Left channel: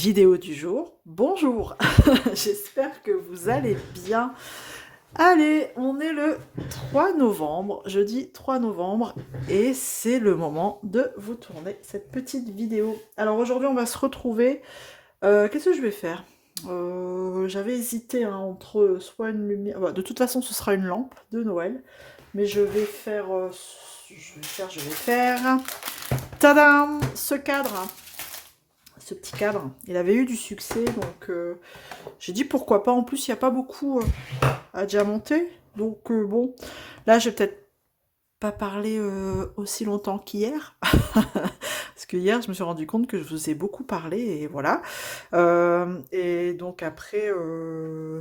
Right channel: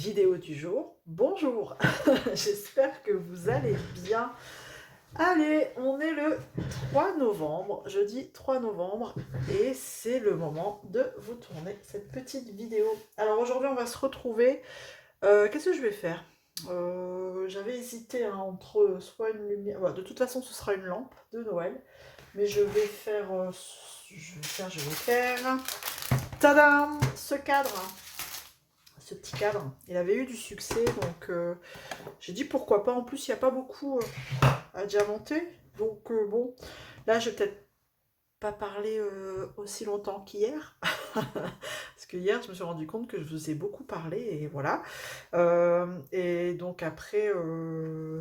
Vidéo du jour. Bonjour, j'espère que vous allez bien. Allez, on est le 3 novembre, jeudi 3 novembre, et c'est le moment de vous tourner cette petite vidéo. Alors aujourd'hui, on va se retrouver. Qu'est-ce que je vais faire? J'avais hésité hein, entre soit une lumière. Bah, de toute façon, ce sera une lampe de Noël, mais je vais faire. Tadam! Ce cadre, hein, ce petit cadre. Il avait eu du succès, donc j'ai dit pourquoi pas. En plus, il n'y a pas beaucoup à diamanter. Donc bon, là, je vais peut-être pas parler aussi longtemps qu'hier. Parce que hier, je me suis rendu compte que je vous ai beaucoup parlé et voilà. Et donc après,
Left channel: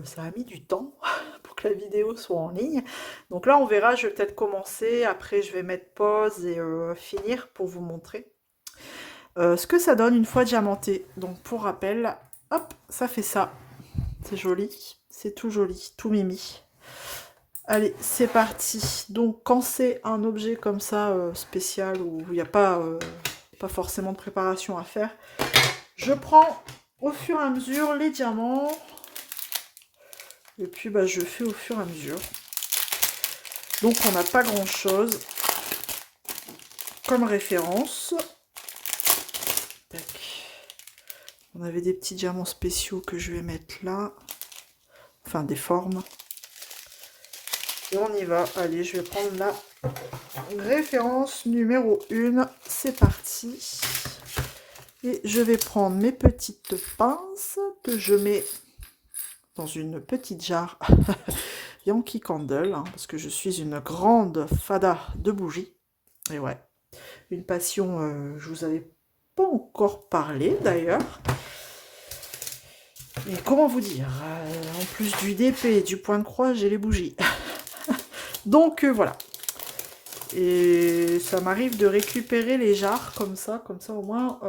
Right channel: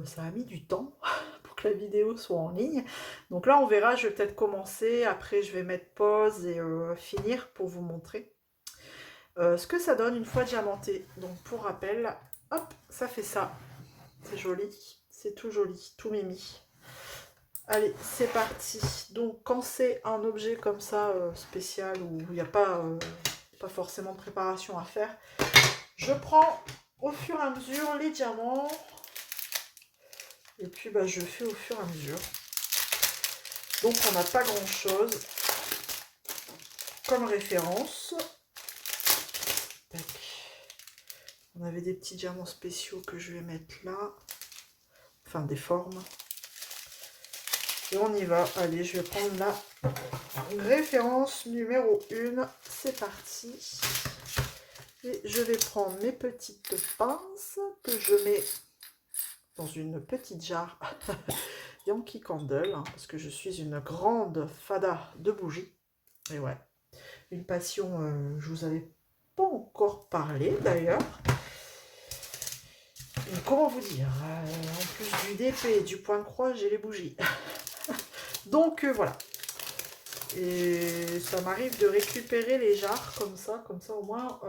ça a mis du temps pour que la vidéo soit en ligne. Donc là, on verra, je vais peut-être commencer. Après, je vais mettre pause et finir pour vous montrer ce que ça donne une fois diamanté. Donc pour rappel, hop, ça fait ça. C'est joli, c'est tout joli, tout mimi. Allez, c'est parti. Donc quand c'est un objet comme ça spécial où il n'y a pas forcément de préparation à faire, je prends au fur et à mesure les diamants. Et puis bah, je fais au fur et à mesure. Donc on n'a pas grand chose comme référence. Tac. On avait des petits diamants spéciaux que je vais mettre là. Enfin des formes. Et on y va. Allez, je vais prendre la référence numéro 1. C'est parti. Et je vais prendre mes petites pinces que je mets dans une petite jarre Yankee Candle, hein, parce que je suis une grande fada de bougies. Et ouais, une passion, je vous avais pas encore parlé d'ailleurs. Et comment vous dire, en plus du DP et du point de croix, j'ai les bougies. Donc voilà. Et ça m'arrive de récupérer les jarres comme ça au moins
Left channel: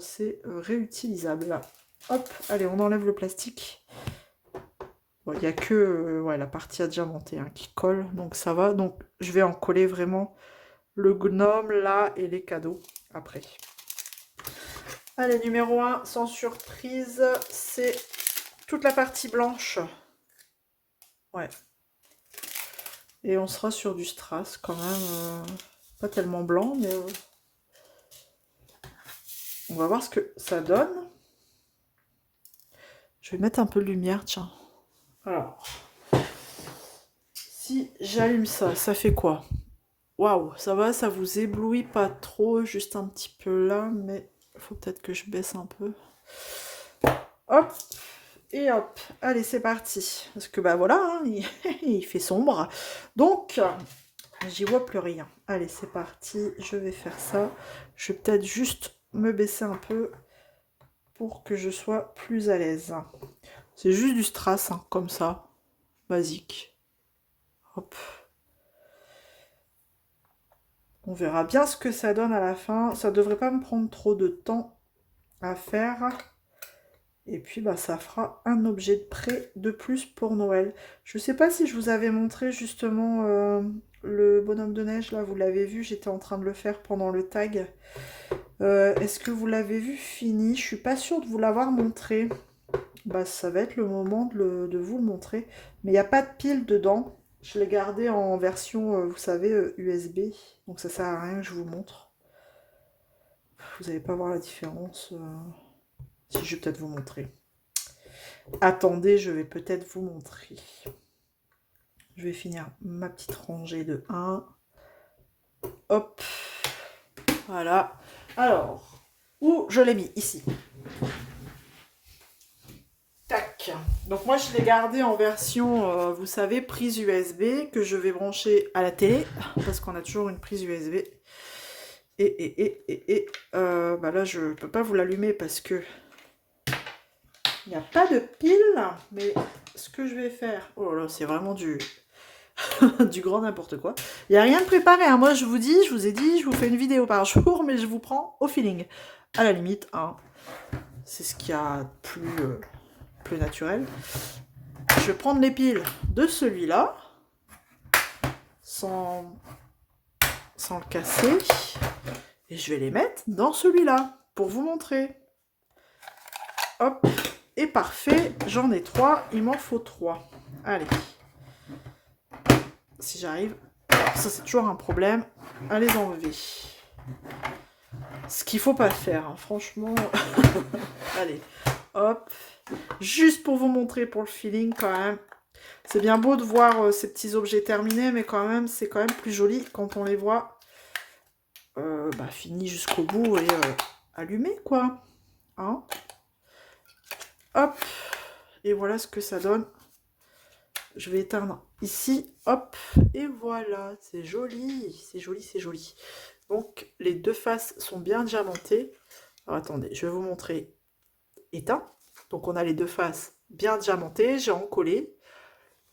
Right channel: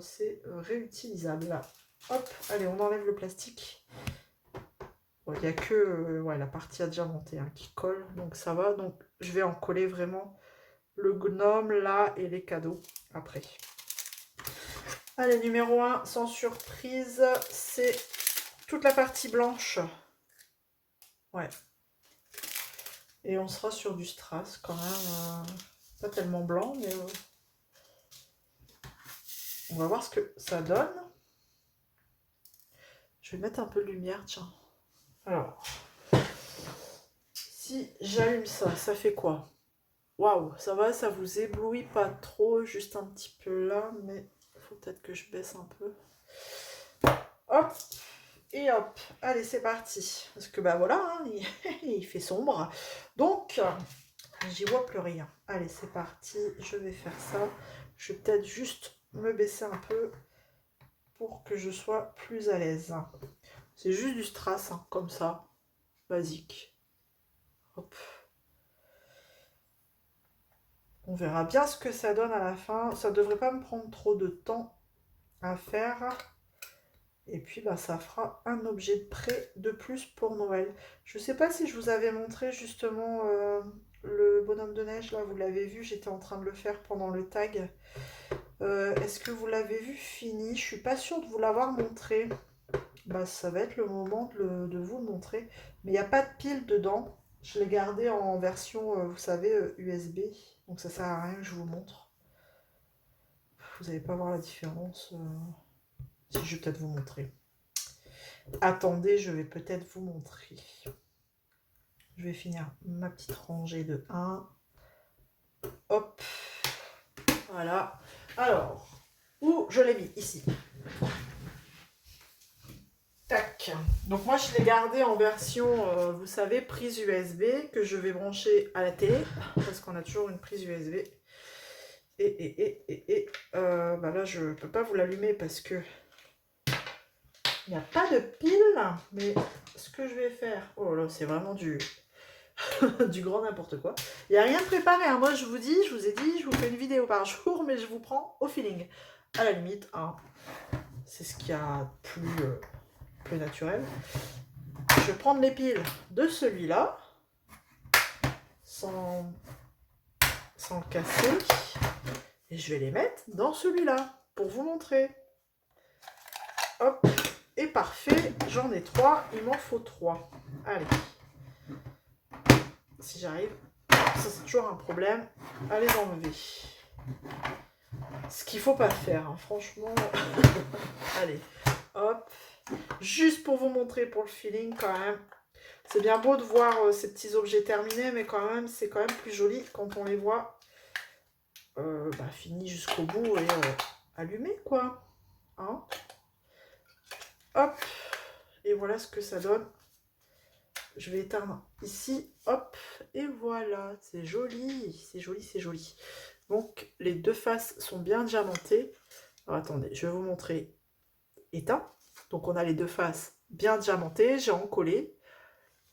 c'est réutilisable. Hop, allez, on enlève le plastique. Bon, il n'y a que ouais, la partie à diamanter hein, qui colle, donc ça va. Donc je vais en coller vraiment le gnome là et les cadeaux après. Allez, numéro 1, sans surprise, c'est toute la partie blanche. Ouais. Et on sera sur du strass quand même. Pas tellement blanc, mais on va voir ce que ça donne. Je vais mettre un peu de lumière, tiens. Alors, si j'allume ça, ça fait quoi? Waouh, ça va, ça vous éblouit pas trop, juste un petit peu là, mais il faut peut-être que je baisse un peu. Hop, et hop, allez, c'est parti. Parce que bah voilà, hein, il fait sombre. Donc, j'y vois plus rien. Allez, c'est parti, je vais faire ça. Je vais peut-être juste me baisser un peu pour que je sois plus à l'aise. C'est juste du strass, hein, comme ça, basique. Hop. On verra bien ce que ça donne à la fin. Ça devrait pas me prendre trop de temps à faire. Et puis bah, ça fera un objet de prêt de plus pour Noël. Je sais pas si je vous avais montré justement le bonhomme de neige. Là, vous l'avez vu, j'étais en train de le faire pendant le tag. Est-ce que vous l'avez vu fini? Je suis pas sûre de vous l'avoir montré. Bah, ça va être le moment de vous le montrer. Mais il n'y a pas de pile dedans. Je l'ai gardé en version, vous savez, USB. Donc ça sert à rien que je vous montre. Vous n'allez pas voir la différence. Si, je vais peut-être vous montrer. Attendez, je vais peut-être vous montrer. Je vais finir ma petite rangée de 1. Hop. Voilà. Alors, où je l'ai mis? Ici. Tac. Donc moi, je l'ai gardé en version, vous savez, prise USB que je vais brancher à la télé. Parce qu'on a toujours une prise USB. Bah là, je ne peux pas vous l'allumer parce que il n'y a pas de pile. Mais ce que je vais faire... Oh là, c'est vraiment du... du grand n'importe quoi. Il n'y a rien de préparé. Hein. Moi, je vous ai dit, je vous fais une vidéo par jour, mais je vous prends au feeling. À la limite, hein, c'est ce qu'il y a de plus naturel. Je vais prendre les piles de celui-là, sans le casser, et je vais les mettre dans celui-là, pour vous montrer. Hop, et parfait. J'en ai 3, il m'en faut 3. Allez. Si j'arrive. Ça, c'est toujours un problème. À les enlever. Ce qu'il faut pas faire, hein, franchement. Allez, hop. Juste pour vous montrer pour le feeling quand même. C'est bien beau de voir ces petits objets terminés, mais quand même, c'est quand même plus joli quand on les voit finis jusqu'au bout et allumés, quoi. Hein, hop. Et voilà ce que ça donne. Je vais éteindre ici. Hop. Et voilà. C'est joli. C'est joli, c'est joli. Donc, les deux faces sont bien diamantées. Alors, attendez, je vais vous montrer éteint. Donc, on a les deux faces bien diamantées. J'ai encollé.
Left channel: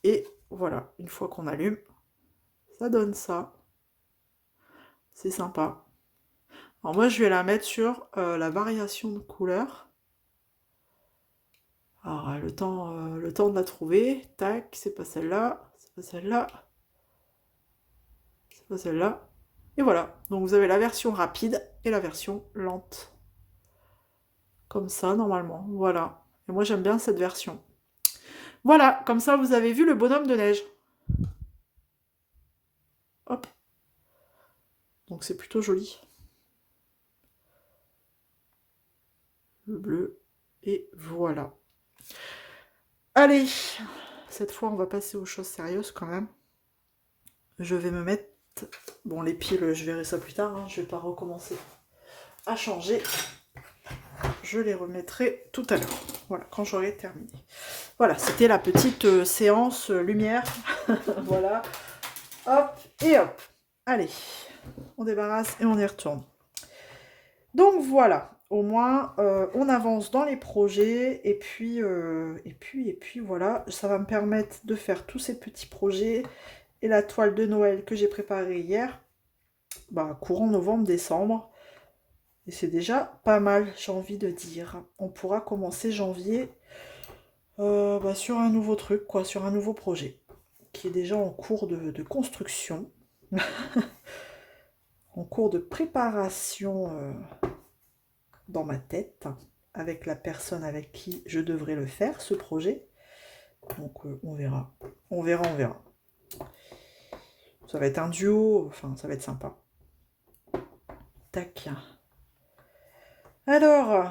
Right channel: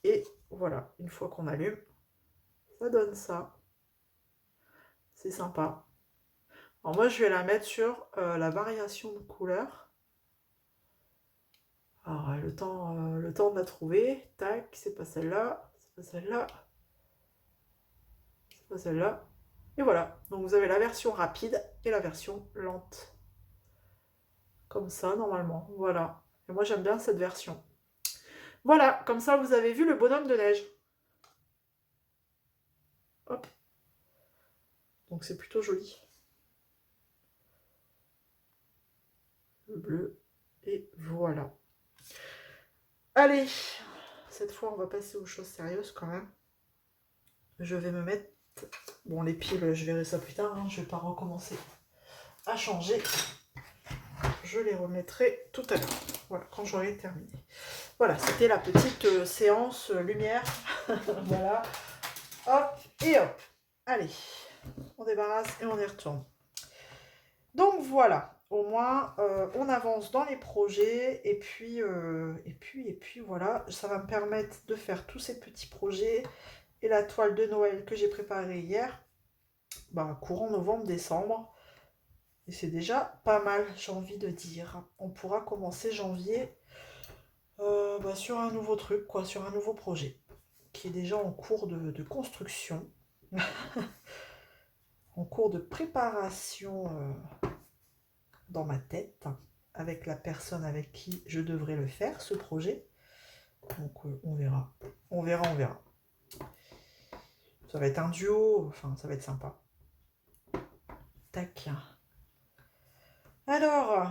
Et voilà, une fois qu'on allume, ça donne ça. C'est sympa. Alors moi, je vais la mettre sur la variation de couleur. Alors, le temps de la trouver. Tac, c'est pas celle-là, c'est pas celle-là, c'est pas celle-là. Et voilà. Donc, vous avez la version rapide et la version lente. Comme ça, normalement. Voilà. Et moi, j'aime bien cette version. Voilà, comme ça, vous avez vu le bonhomme de neige. Hop. Donc, c'est plutôt joli. Le bleu. Et voilà. Allez, cette fois, on va passer aux choses sérieuses quand même. Je vais me mettre... Bon, les piles, je verrai ça plus tard. Hein. Je vais pas recommencer à changer. Je les remettrai tout à l'heure. Voilà, quand j'aurai terminé. Voilà, c'était la petite séance lumière. Voilà. Hop et hop. Allez, on débarrasse et on y retourne. Donc voilà, au moins on avance dans les projets et puis voilà, ça va me permettre de faire tous ces petits projets et la toile de Noël que j'ai préparée hier, courant novembre-décembre. Et c'est déjà pas mal, j'ai envie de dire. On pourra commencer janvier sur un nouveau truc, quoi, sur un nouveau projet qui est déjà en cours de construction, en cours de préparation dans ma tête, avec la personne avec qui je devrais le faire, ce projet. Donc on verra. On verra, on verra. Ça va être un duo, enfin ça va être sympa. Tac. Alors,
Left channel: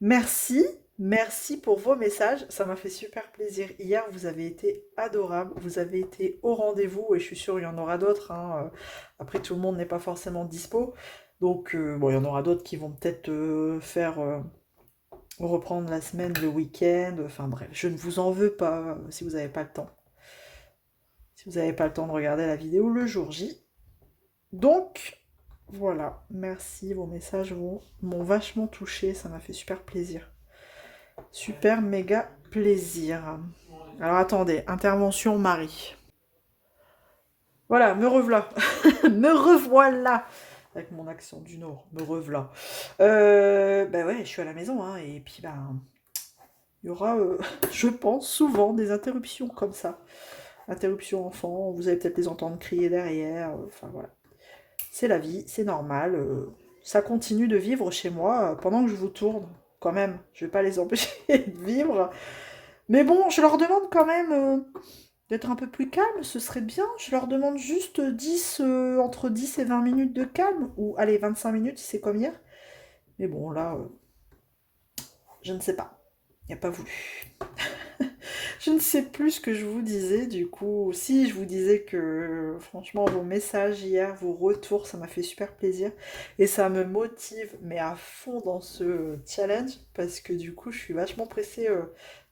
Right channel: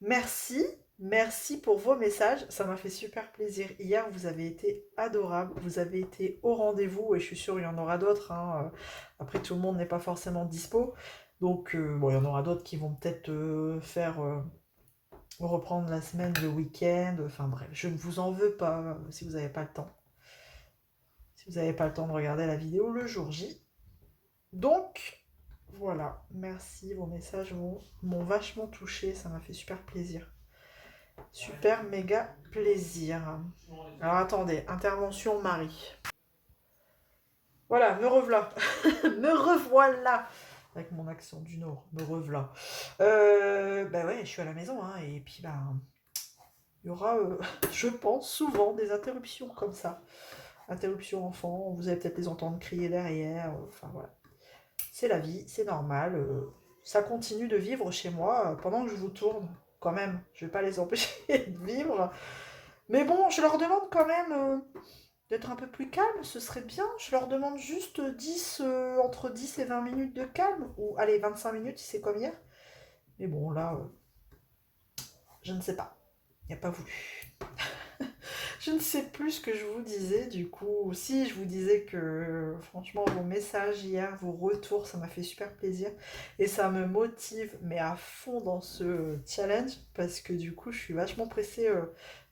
merci. Merci pour vos messages, ça m'a fait super plaisir. Hier, vous avez été adorables, vous avez été au rendez-vous et je suis sûre qu'il y en aura d'autres. Hein. Après, tout le monde n'est pas forcément dispo. Donc, il y en aura d'autres qui vont peut-être faire reprendre la semaine, le week-end. Enfin bref, je ne vous en veux pas si vous n'avez pas le temps. Si vous n'avez pas le temps de regarder la vidéo le jour J. Donc, voilà, merci, vos messages m'ont vachement touché, ça m'a fait super plaisir. Super méga plaisir. Alors attendez, intervention Marie. Voilà, me revoilà. Me revoilà. Avec mon accent du Nord, me revoilà. Ouais, je suis à la maison, hein, et puis il y aura, je pense, souvent des interruptions comme ça. Interruptions enfants, vous allez peut-être les entendre crier derrière, enfin voilà. C'est la vie, c'est normal. Ça continue de vivre chez moi pendant que je vous tourne. Quand même, je vais pas les empêcher de vivre. Mais bon, je leur demande quand même d'être un peu plus calme, ce serait bien. Je leur demande juste entre 10 et 20 minutes de calme. Ou allez, 25 minutes si c'est comme hier. Mais bon, là, je ne sais pas. Il n'y a pas voulu. Je ne sais plus ce que je vous disais, du coup. Si, je vous disais que, franchement, vos messages hier, vos retours, ça m'a fait super plaisir. Et ça me motive, mais à fond dans ce challenge, parce que du coup, je suis vachement pressée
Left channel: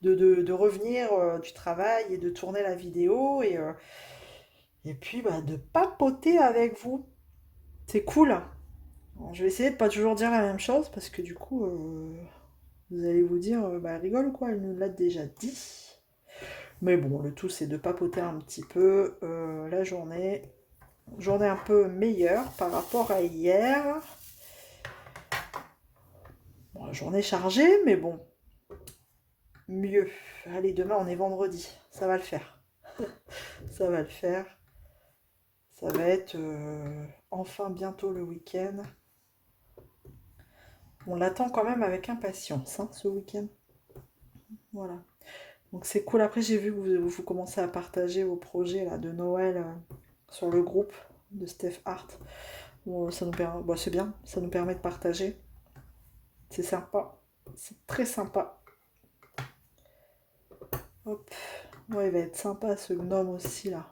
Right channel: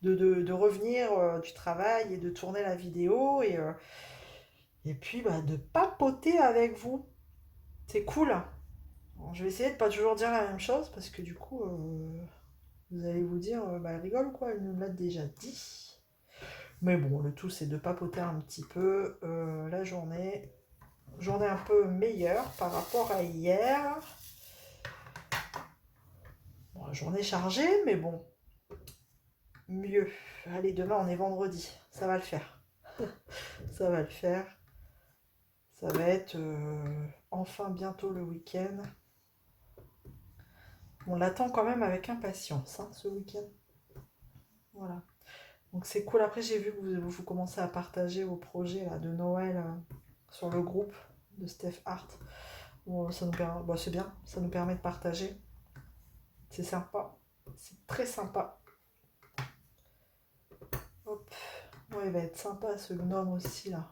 de revenir du travail et de tourner la vidéo. Et puis, de papoter avec vous. C'est cool. Alors, je vais essayer de pas toujours dire la même chose, parce que du coup, vous allez vous dire, elle rigole ou quoi, elle nous l'a déjà dit. Mais bon, le tout c'est de papoter un petit peu la journée. Journée un peu meilleure par rapport à hier. Bon, la journée chargée, mais bon, mieux. Allez, demain on est vendredi, ça va le faire. Ça va le faire. Ça va être enfin bientôt le week-end. On l'attend quand même avec impatience, hein, ce week-end. Voilà. Donc c'est cool. Après, j'ai vu que vous commencez à partager vos projets là, de Noël sur le groupe de Steph Art. Bon, ça nous permet, bon, c'est bien, ça nous permet de partager. C'est sympa. C'est très sympa. Hop. Ouais, il va être sympa ce gnome aussi là.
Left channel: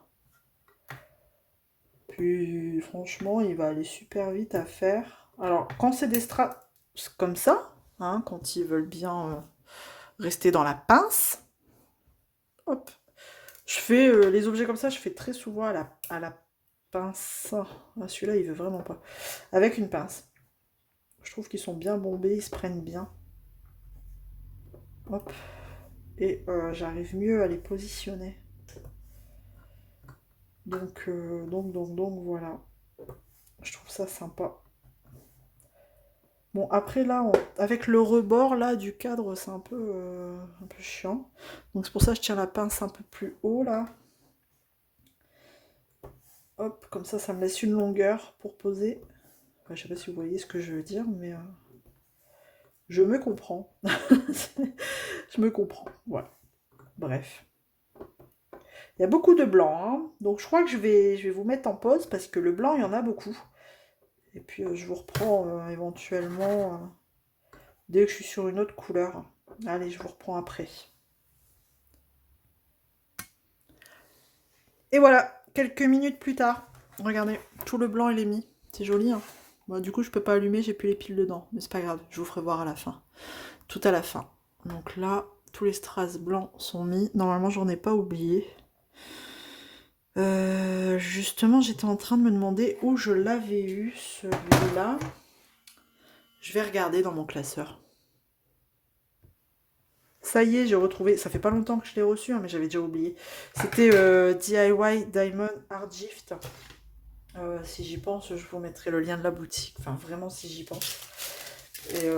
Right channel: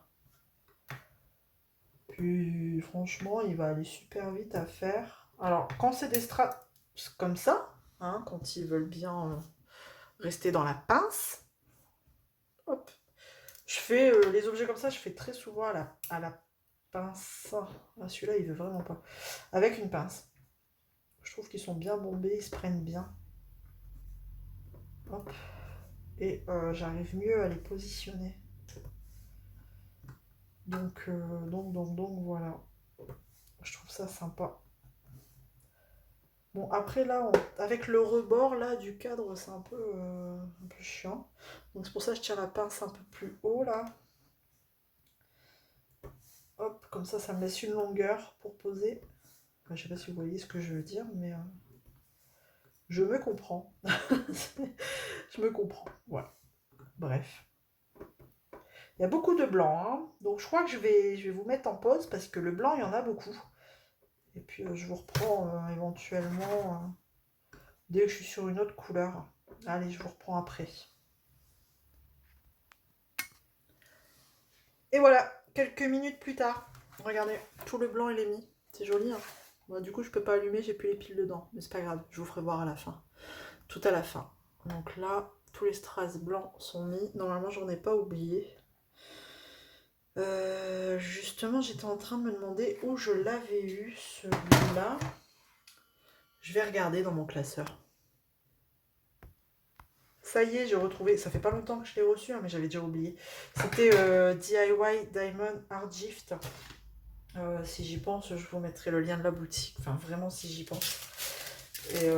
Puis franchement, il va aller super vite à faire. Alors, quand c'est des strass comme ça, hein, quand ils veulent bien rester dans la pince, hop. Je fais les objets comme ça, je fais très souvent à la pince. Ah, celui-là, il veut vraiment pas. Avec une pince. Je trouve qu'ils sont bien bombés, ils se prennent bien. Hop. Et j'arrive mieux à les positionner. Donc, voilà. Je trouve ça sympa. Bon, après là, avec le rebord là du cadre, c'est un peu chiant. Donc c'est pour ça que je tiens la pince un peu plus haut là. Hop, comme ça me laisse une longueur pour poser. Enfin, je sais pas si vous voyez ce que je veux dire, mais je me comprends. Je me comprends, voilà. Bref. Il y a beaucoup de blanc, hein. Donc je crois que je vais vous mettre en pause parce que le blanc, il y en a beaucoup. Et puis je vous reprends éventuellement dès que je suis sur une autre couleur. Allez, je vous reprends après. Et voilà, quelques minutes plus tard. Regardez, tout le blanc il est mis. C'est joli, hein. Bon, du coup, je peux pas allumer, j'ai plus les piles dedans. Mais c'est pas grave, je vous ferai voir à la fin. Tout à la fin. Donc là, tous les strass blancs sont mis. Normalement, j'en ai pas oublié. Justement, j'étais en train de me demander où je l'avais eu, celui-là. Je vais regarder dans mon classeur. Ça y est, j'ai retrouvé. Ça fait pas longtemps que je l'ai reçu, hein, mais j'avais déjà oublié. C'était DIY Diamond Art Gift. Si j'y pense, je vous mettrai le lien de la boutique. Enfin, vraiment, si j'y pense. Et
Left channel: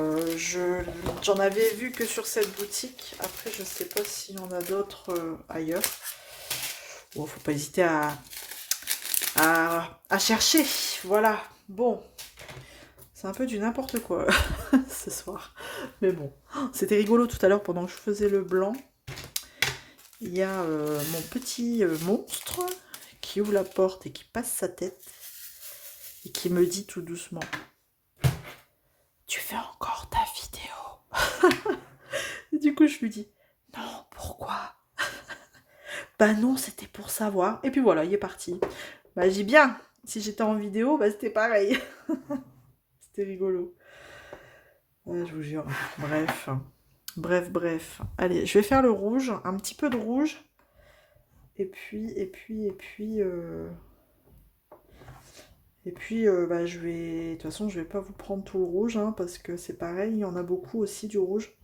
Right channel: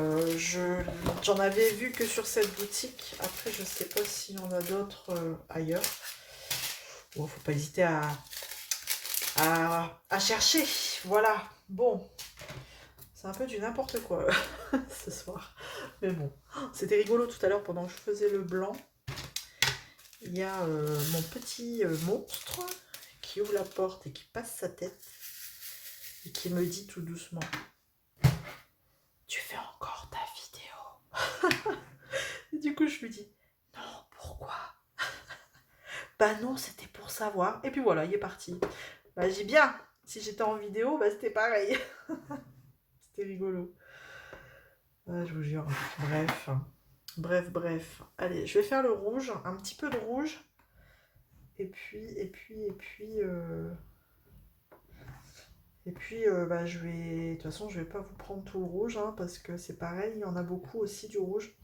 j'en avais vu que sur cette boutique. Après, je sais pas s'il y en a d'autres ailleurs. Bon, faut pas hésiter à chercher. Voilà. Bon. C'est un peu du n'importe quoi ce soir. Mais bon. C'était rigolo tout à l'heure pendant que je faisais le blanc. Il y a mon petit monstre qui ouvre la porte et qui passe sa tête. Et qui me dit tout doucement: tu fais encore ta vidéo? Et du coup, je lui dis: non, pourquoi? Bah non, c'était pour savoir. Et puis voilà, il est parti. Bah j'ai bien. Si j'étais en vidéo, bah c'était pareil. C'était rigolo. Ah, je vous jure. Bref. Bref. Allez, je vais faire le rouge. Un petit peu de rouge. Et puis, bah, je vais... De toute façon, je vais pas vous prendre tout le rouge, hein, parce que c'est pareil, il y en a beaucoup aussi du rouge.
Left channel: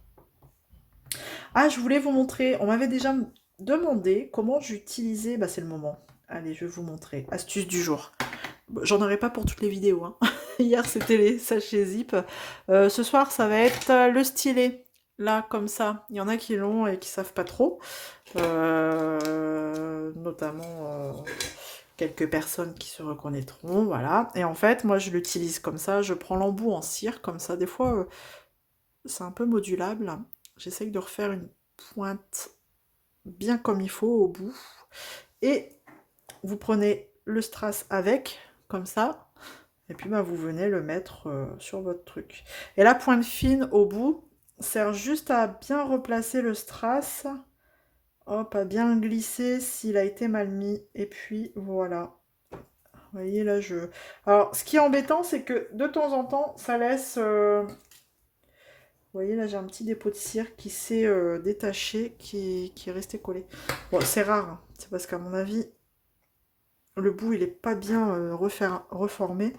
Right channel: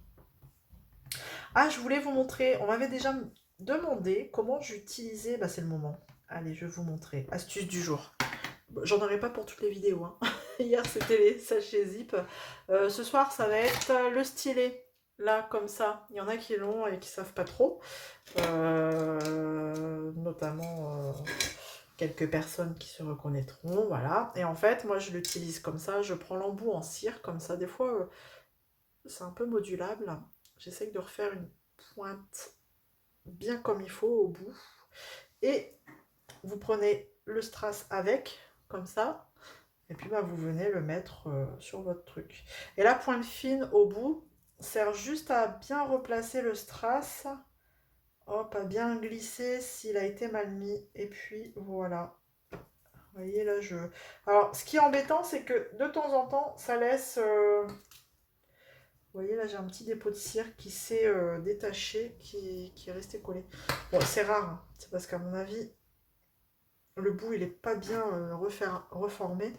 Ah, je voulais vous montrer, on m'avait déjà demandé comment j'utilisais... Bah, c'est le moment. Allez, je vais vous montrer. Astuce du jour. Bon, j'en aurai pas pour toutes les vidéos, hein. Hier, c'était les sachets zip. Ce soir, ça va être le stylet. Là, comme ça. Il y en a qui l'ont et qui savent pas trop. Notamment... quelques personnes qui se reconnaîtront, voilà. Et en fait, moi, je l'utilise comme ça. Je prends l'embout en cire, comme ça. Des fois, c'est un peu modulable. J'essaye de refaire une pointe bien comme il faut au bout. Et vous prenez le strass avec, comme ça. Et puis, bah, vous venez le mettre sur votre truc. Et la pointe fine au bout sert juste à bien replacer le strass. Hop, à bien glisser s'il a été mal mis. Et puis, voilà. Vous voyez, là, je... Alors, ce qui est embêtant, c'est que de temps en temps, ça laisse... Vous voyez, là, j'ai un petit dépôt de cire qui s'est détaché, qui est resté collé. Bon, c'est rare, hein. C'est parce qu'à mon avis, le bout, il n'est pas bien reformé.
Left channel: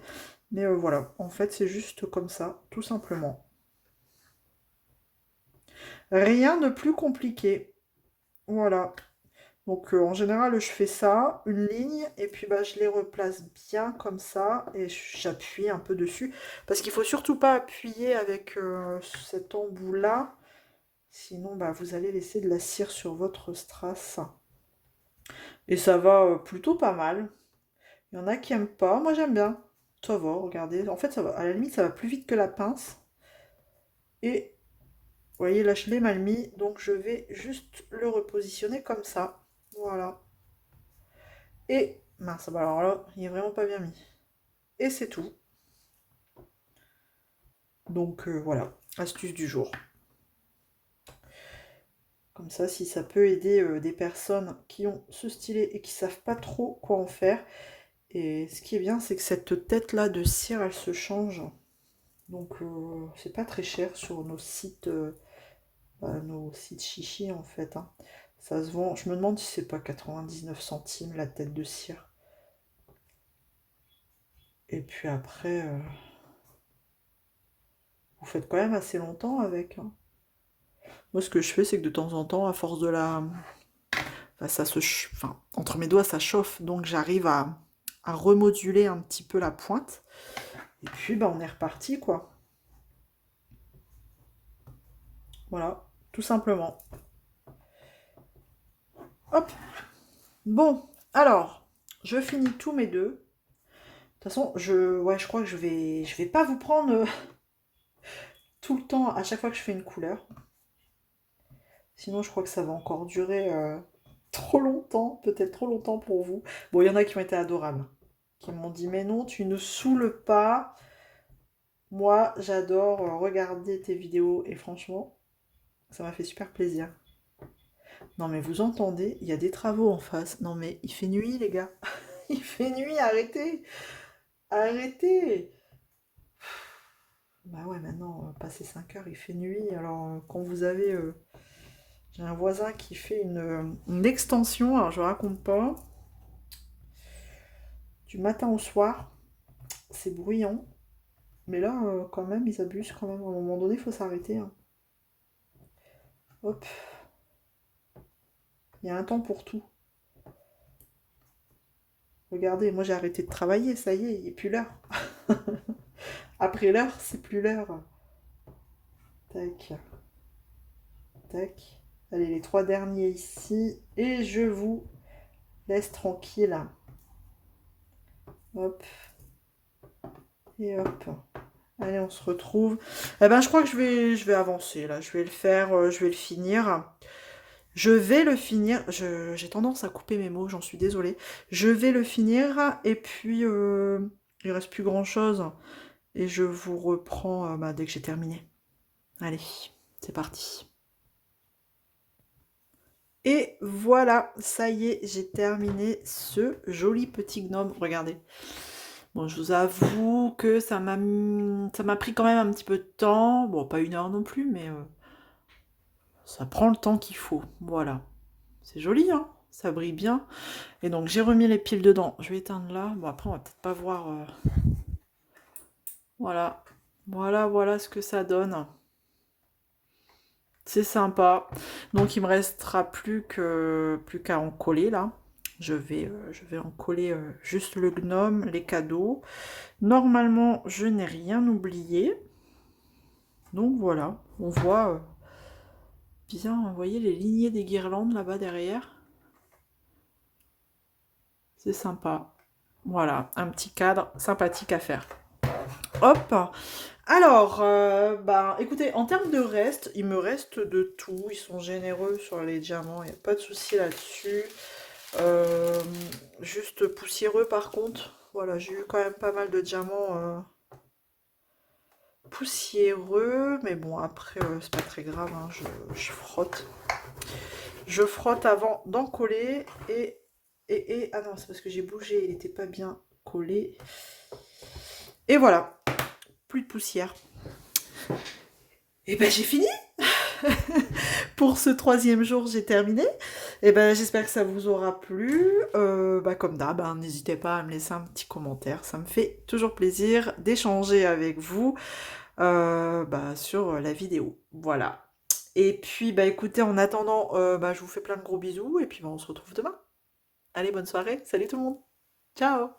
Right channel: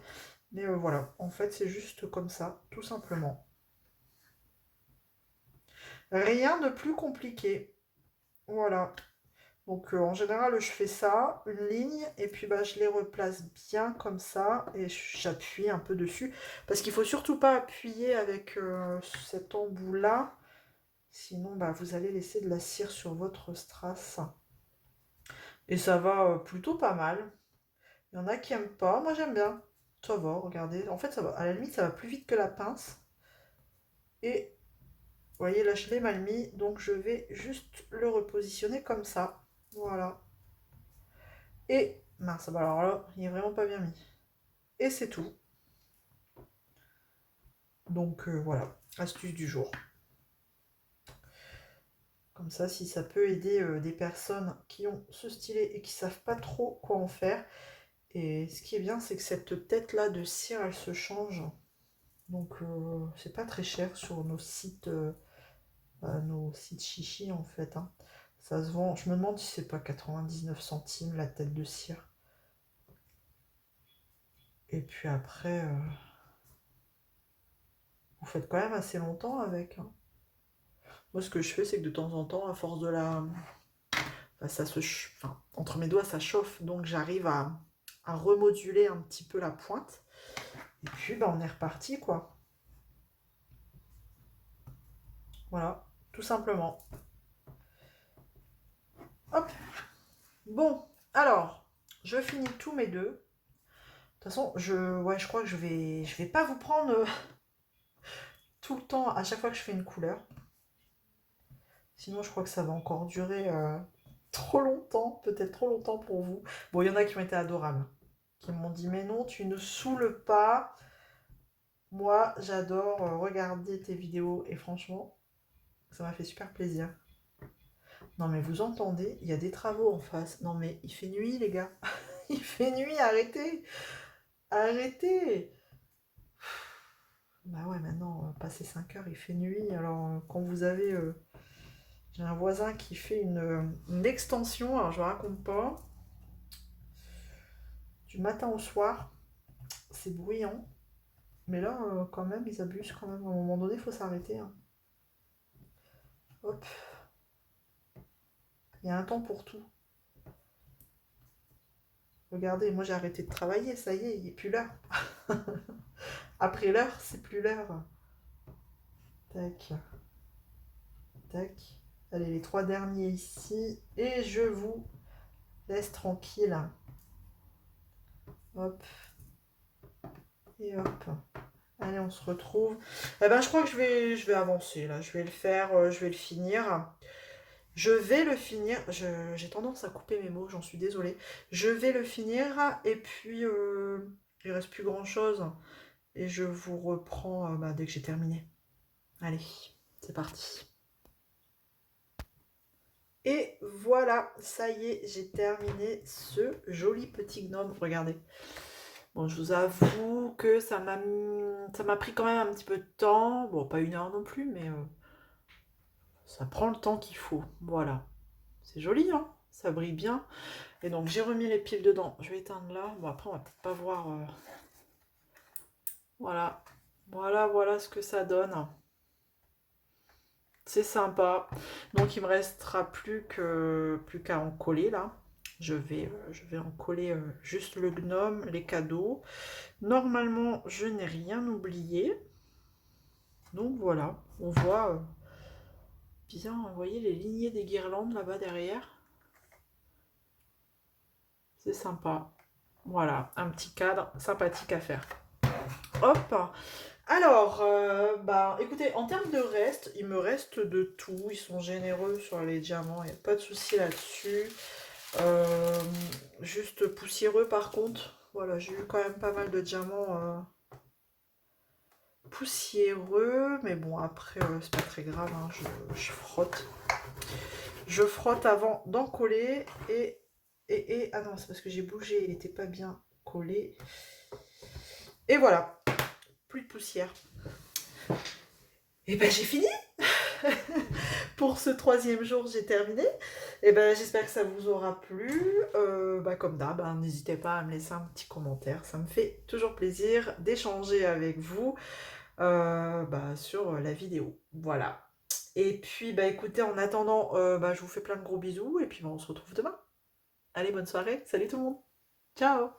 Mais voilà, en fait, c'est juste comme ça, tout simplement. Rien de plus compliqué. Voilà. Donc en général, je fais ça, une ligne, et puis bah, je les replace bien comme ça, et j'appuie un peu dessus. Parce qu'il ne faut surtout pas appuyer avec cet embout-là, sinon bah, vous allez laisser de la cire sur votre strass. Et ça va plutôt pas mal. Il y en a qui n'aiment pas, moi j'aime bien. Ça va, regardez. En fait, ça va, à la limite, ça va plus vite que la pince. Et vous voyez, là, je l'ai mal mis. Donc, je vais juste le repositionner comme ça. Voilà. Et, mince, bah alors là, il est vraiment pas bien mis. Et c'est tout. Donc, voilà, astuce du jour. Comme ça, si ça peut aider des personnes qui ont ce stylet et qui savent pas trop quoi en faire. Et ce qui est bien, c'est que cette tête-là de cire, elle se change. Donc, c'est pas très cher sur nos sites chichi en fait, hein. Ça se vend. Je me demande si c'est pas 99 centimes la tête de cire. Et puis après, vous faites quand même assez longtemps avec, hein. Moi, ce que je fais, c'est que de temps en temps, à force de la... Enfin, enfin, entre mes doigts, ça chauffe. Donc, j'arrive à remoduler un petit peu la pointe. Et puis, bah, on est reparti, quoi. Voilà, tout simplement. Hop. Bon, alors, je finis tous mes deux. De toute façon, je crois que je vais pas vous prendre tout le temps à chaque fois que je fais une couleur. Sinon, je crois que ça va encore durer trop longtemps, peut-être trop longtemps pour vous. Bon, il y en a qui ont été adorables, qui m'ont dit, mais non, tu ne saoules pas. Moi, j'adore regarder tes vidéos et franchement, ça m'a fait super plaisir. Non, mais vous entendez, il y a des travaux en face. Non, mais il fait nuit, les gars. Il fait nuit, arrêtez. Arrêtez. Bah ouais, maintenant, passé 5 heures, il fait nuit. Alors, quand vous avez... j'ai un voisin qui fait une extension, alors je ne raconte pas. Du matin au soir, c'est bruyant. Mais là, quand même, ils abusent quand même. À un moment donné, il faut s'arrêter, hein. Hop. Il y a un temps pour tout. Regardez, moi j'ai arrêté de travailler, ça y est, il n'est plus l'heure. Après l'heure, c'est plus l'heure. Tac. Tac. Allez, les 3 derniers ici. Et je vous laisse tranquille. Hop. Et hop. Allez, on se retrouve. Eh ben, je crois que je vais avancer là. Je vais le faire, je vais le finir. Je vais le finir. J'ai tendance à couper mes mots, j'en suis désolée. Je vais le finir et puis il reste plus grand chose. Et je vous reprends bah, dès que j'ai terminé. Allez, c'est parti. Et voilà, ça y est, j'ai terminé ce joli petit gnome. Regardez. Bon, je vous avoue que ça m'a pris quand même un petit peu de temps. Bon, pas 1 heure non plus, mais ça prend le temps qu'il faut. Voilà. C'est joli, hein? Ça brille bien. Et donc, j'ai remis les piles dedans. Je vais éteindre là. Bon, après, on va peut-être pas voir... Voilà. Voilà ce que ça donne. C'est sympa. Donc, il me restera plus qu'à en coller, là. Je vais en coller juste le gnome, les cadeaux. Normalement, je n'ai rien oublié. Donc, voilà. On voit bien, vous voyez, les lignées des guirlandes, là-bas, derrière. C'est sympa. Voilà, un petit cadre sympathique à faire. Hop. Alors, bah, écoutez, en termes de reste, il me reste de tout. Ils sont généreux sur les diamants, il n'y a pas de souci là-dessus. Juste poussiéreux par contre. Voilà, j'ai eu quand même pas mal de diamants poussiéreux. Mais bon, après, c'est pas très grave, hein, je frotte. Je frotte avant d'en coller. Ah non, c'est parce que j'ai bougé, il n'était pas bien collé. Et voilà, plus de poussière. Et ben j'ai fini. Pour ce 3e jour, j'ai terminé. Et ben j'espère que ça vous aura plu. Bah, comme d'hab, hein, n'hésitez pas à me laisser un petit commentaire. Ça me fait toujours plaisir d'échanger avec vous bah, sur la vidéo. Voilà. Et puis, bah, écoutez, en attendant, bah, je vous fais plein de gros bisous. Et puis, bah, on se retrouve demain. Allez, bonne soirée. Salut tout le monde. Ciao.